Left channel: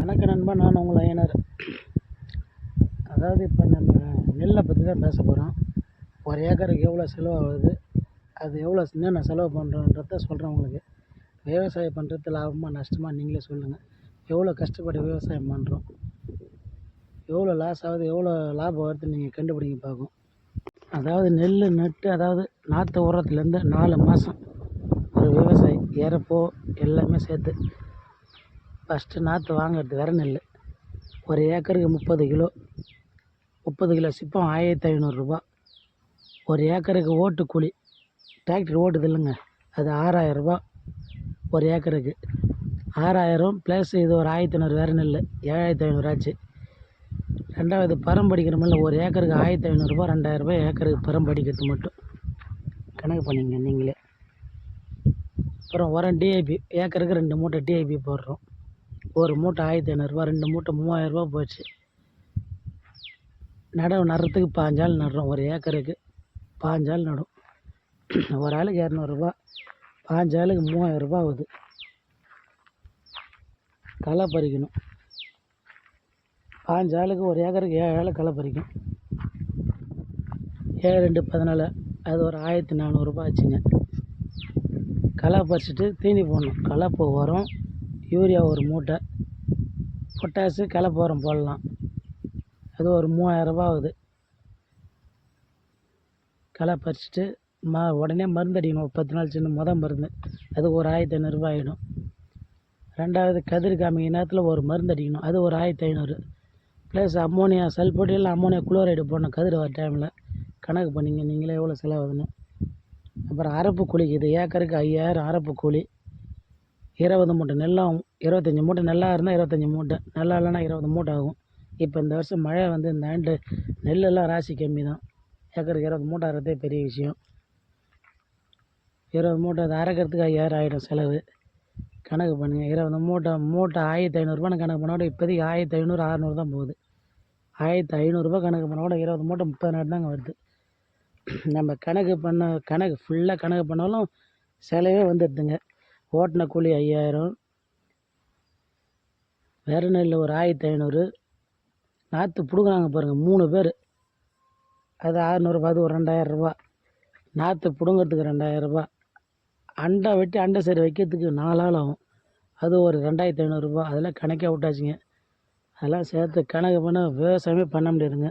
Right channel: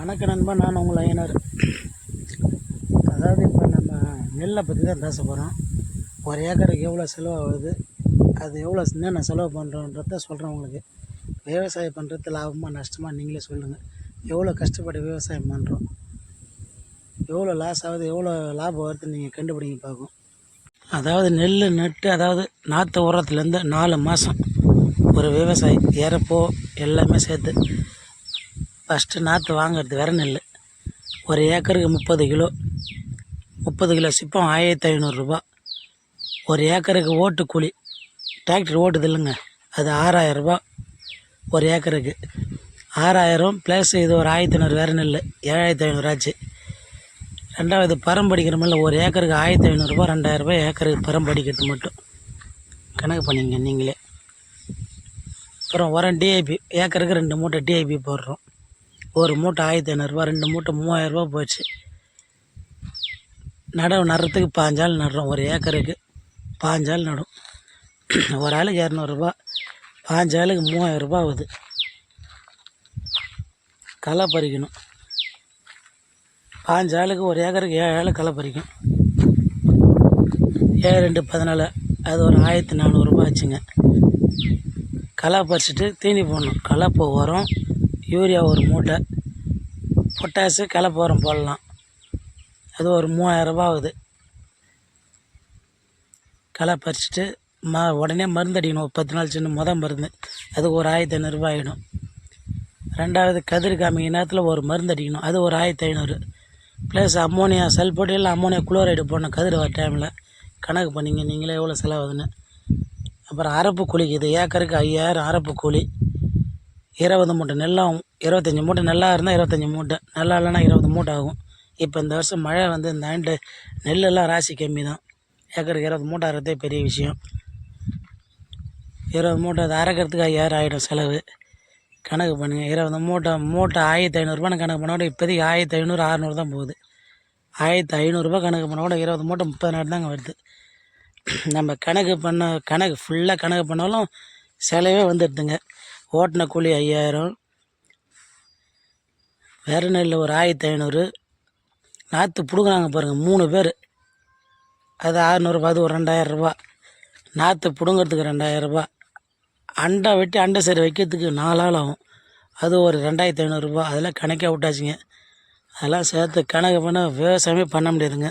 வணக்க நண்பா நான் உங்கள் ஐயனர். அதாவது இப்போ நம்ம நெல்லை பற்றி தான் பேச போகிறோம் ஒரு ஏக்கருக்கு எவ்வளோ செலவாகுது அது எவ்வளோ என்னென்ன செலவு பண்ணுறோன்றத சொல்கிறேன் உங்களுக்கு. விவசாயம் பண்ணுறது லாபமாக நஷ்டமாக நீங்களே சொல்லுங்கள் எவ்வளோ கஷ்டப்பட்டு விவசாயம் பண்ணுறோம் எவ்வளோ லாஸ் ஆகுது எவ்வளோ லாபம் வருதுன்னு நீங்கள் கண்டுபிடிங்க பார்க்கும் அதாவது நெல் நட்டு அதாவது நாற்று உரத்துலேருந்து நாலு மாதம் ஒரு விவசாயி இறப்போ எல்லாமே சேர்த்து ஃபஸ்ட்டு நாற்று வாங்குறது வேறு நெல் ஒரு ஏக்கருக்கு முப்பது கிலோ. முப்பது கிலோ சிப்பம் ஆயிரத்தி ஐநூறுரூபா ஒரு ஏக்கருக்கு ஓட்டு கூலி. டிராக்டர் ஓட்டுது இல்லைங்க. அது ஆறாயிரரூபா ஒரு ஏக்கருக்கு. ஆறாயிரம் ப்ளஸ் இது ஒரு ஆயிரத்தி ஐநூறு வேறு நெல் ஏழாயிரத்தி ஐநூறு ஆச்சு. ரெண்டாவது பரம் படிக்கிறோமில்ல ஒரு ஏக்கருக்கு ஆயிரத்தி ஐநூறுரூபா ரெண்டாயிரரூபா ஏக்கருக்கு பரம் படிக்கிறது மட்டும். கணக்கு பண்ணிங்க நீங்களே. அப்புறம் உரம் டிஐபி ஏக்கருக்கு ரெண்டு மூட்டை டிஐபி போடுறோம். ஒரு மூட்டை ஆயிரத்தி ஐநூறுரூவா ரெண்டு மூட்டை மூவாயிரரூபா போச்சு. நடவு நடுறதுக்கு பாஞ்சால் நடுறோம். ஒரு ஏக்கருக்கு பாஞ்சால் நடும். ஒரு ஆளுக்கு இரநூறுபா பாஞ்சாலுக்கு மூவாயிரரூபா ஆகுது. களை பறிக்கணும். பாஞ்சு ஆளுக்கு ஒரு ஏக்கருக்கு ஏழு ஆள் களை பறிக்கும். ஏழு ரெண்டு பதினாலு அது ஒரு ஆயிரத்தி நானூறுரூபா ஆச்சுங்க. களை பறிச்சிட்டு தீனி போடணும். கலப்பு உரம் யூரியா ஒரு மூட்டை பொட்டாசு கலப்பு உரம் போடலாம். அது ஒரு மூவாயிரரூபா ஆகுது. களை பறிச்சுட்டு ம உடனே மருந்து அடிக்கணும். ஒரு பத்து நாள் சின்ன முத மருந்து. அதுக்கு ஒரு ஆயிரத்தி ஐநூறுரூபா ஆகிடும் ரெண்டாவது கதிர் காமிக்க நேரத்தில் ஒரு மருந்து அடிக்கணும். அது ஒரு ஆயிரத்தி ஐநூறு. ப்ளஸ் அம்மோனியா சல்ஃபேட் இல்லை அம்மோனியா குளோரைடு போடணும் கதிர் வர டைமில் கணக்கு பண்ணிங்க. நீங்களே எவ்வளோ செலவாகுதுன்னு. அப்புறம் அரப்பு கூலிக்கு இது ஏக்கருக்கு ஐயாயிரம் அரப்பு கூலி இருபது மூட்டை நெல்லாகும் இருபத்தஞ்சி மூட்டை நெல்லாக இருந்தால் இருபத்தஞ்சி மூட்டை நல்லா இல்லைன்னா இருபது மூட்டை ஆகும். இப்போ இந்த வருஷம் மழை வந்து இந்த ஆண்டு நெல்லெல்லாம் ராசி கம்மி தான். ஏக்கருக்கு இருபது மூட்டை அறதே பெரிய விஷயம். இருபது மூட்டை அதை அரைக்கிறதுக்கு ஐயாயிரம் ஆகிடும் செலவு. கணக்கு பண்ணுங்கள் இருபது மூட்டை மூட்டை ஆயிரத்தி ஐநூறுரூபான்னு கணக்கு பண்ண கூட இப்போதைக்கு ஆயிரத்தி ஐநூறு அறநூறு தான் போகுது. ஆயிரத்தி ஐநூறுரூபா கணக்கு பண்ண கூட இருபது மூட்டை முப்பது தாங்க வருது. நம்ம கணக்கு பண்ண கணக்கு ஃபுல்லாக கணக்கு பண்ணாலும் செலவே வந்துடுதுங்க. ஓட்டின கூலி ஐயாயிரம். வேறு நெல் ஒரு ஆயிரத்தி ஐநூறு. நாற்று பிடுங்குறாங்க பாருங்கள் மூணு பேர். அது அறநூறுபா அது ஒரு ரெண்டாயிரரூபா நாற்று பிடுங்கிறதுக்கு ரெண்டாயிரரூபா அண்டை வெட்டி அண்டை சரி வைக்கிறதுக்கு நாலு ஆள் ஆகும். அது ஒரு ரெண்டாயிரத்தி ஐநூறுரூபா அதெல்லாம் கணக்கே விட்டாச்சுங்க. அதெல்லாம் சேர்த்து கணக்கு பண்ண விவசாயமே பண்ண முடியாதுங்க.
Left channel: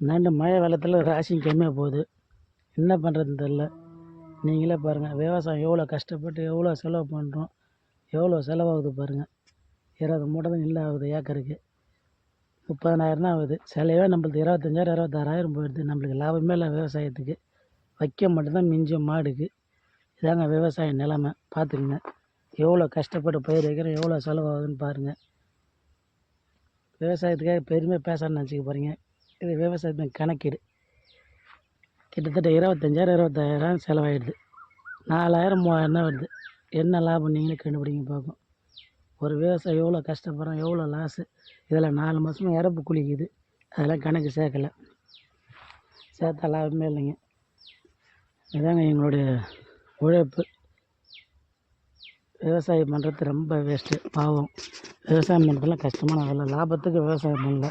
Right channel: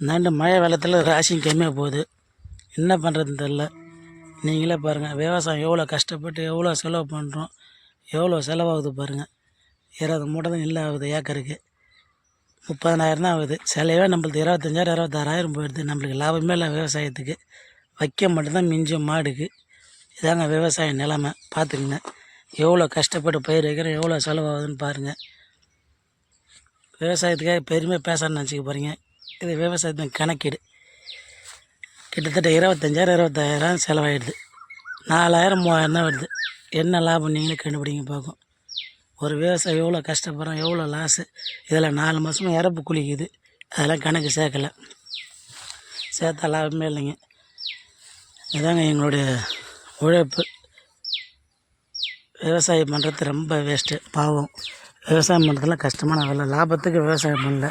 இந்தாண்டு மழை வெள்ளத்தில் ராசியும் கம்மியாக போகுது. என்ன பண்ணுறதுன்னு தெரில நீங்களே பாருங்கள் விவசாயம் எவ்வளோ கஷ்டப்பட்டு எவ்வளோ செலவு பண்ணுறோம் எவ்வளோ செலவாகுது பாருங்கள் இருபது மூட்டை தான் இல்லை ஆகுது ஏக்கருக்கு. முப்பதனாயிரம் தான் ஆகுது. செலவே நம்மளுக்கு இருபத்தஞ்சாயிரம் இருபத்தாறாயிரம் போயிடுது. நம்மளுக்கு லாபமே இல்லை விவசாயத்துக்கு. வைக்க மட்டும்தான் மிஞ்சும் மாடுக்கு. இதாங்க விவசாய நிலமை. பார்த்துக்குங்க. எவ்வளோ கஷ்டப்பட்டு பயிர் வைக்கிறோம் எவ்வளோ செலவாகுதுன்னு பாருங்கள் விவசாயத்துக்காக பெருமையாக பேசணும்னு நினச்சிக்க போகிறீங்க இது விவசாயத்தின் கணக்கீடு. கிட்டத்தட்ட இருபத்தஞ்சாயிரம் இருபத்தாயிரம் செலவாயிடுது. நாலாயிரம் மூவாயிரம் தான் வருது. என்ன லாபம் நீங்களே கண்டுபிடிங்க பார்க்கும் ஒரு விவசாயி எவ்வளோ கஷ்டப்படுறோம் எவ்வளோ லாஸு இதில் நாலு மாதமும் இறப்பு குளிக்குது. அதெல்லாம் கணக்கு சேர்க்கலை. சேர்த்தா லாபமே இல்லைங்க. இதாங்க எங்களுடைய உழைப்பு. விவசாயம் பண்ணுறது ரொம்ப வேஸ்ட்டு பாவம். விவசாயம் பண்ணுறதுலாம் கஷ்டமான வேலை. லாபத்துக்கு விவசாயம் பண்ணல.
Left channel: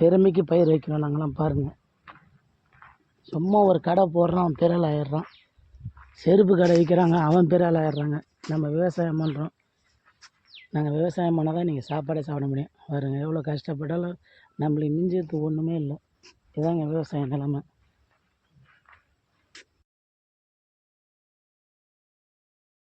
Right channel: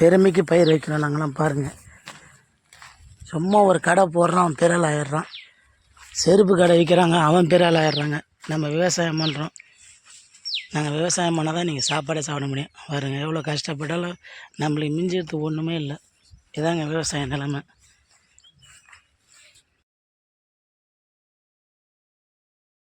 பெருமைக்கு பயிர் வைக்கணும் நாங்களாம் பாருங்கள் சும்மா ஒரு கடை போடுறான் அவன் பெரிய ஆயிடுறான். செருப்பு கடை விற்கிறாங்க அவன் பெரிய ஆள் ஆயிடுறாங்க. நம்ம விவசாயம் பண்ணுறோம் நாங்கள் விவசாயம் பண்ணால் தான் நீங்கள் சாப்பாடே சாப்பிட முடியும். பாருங்க எவ்வளோ கஷ்டப்பட்டாலும் நம்மளுக்கு மிஞ்சிறது ஒன்றுமே இல்லை. இதாங்க விவசாய நிலமை.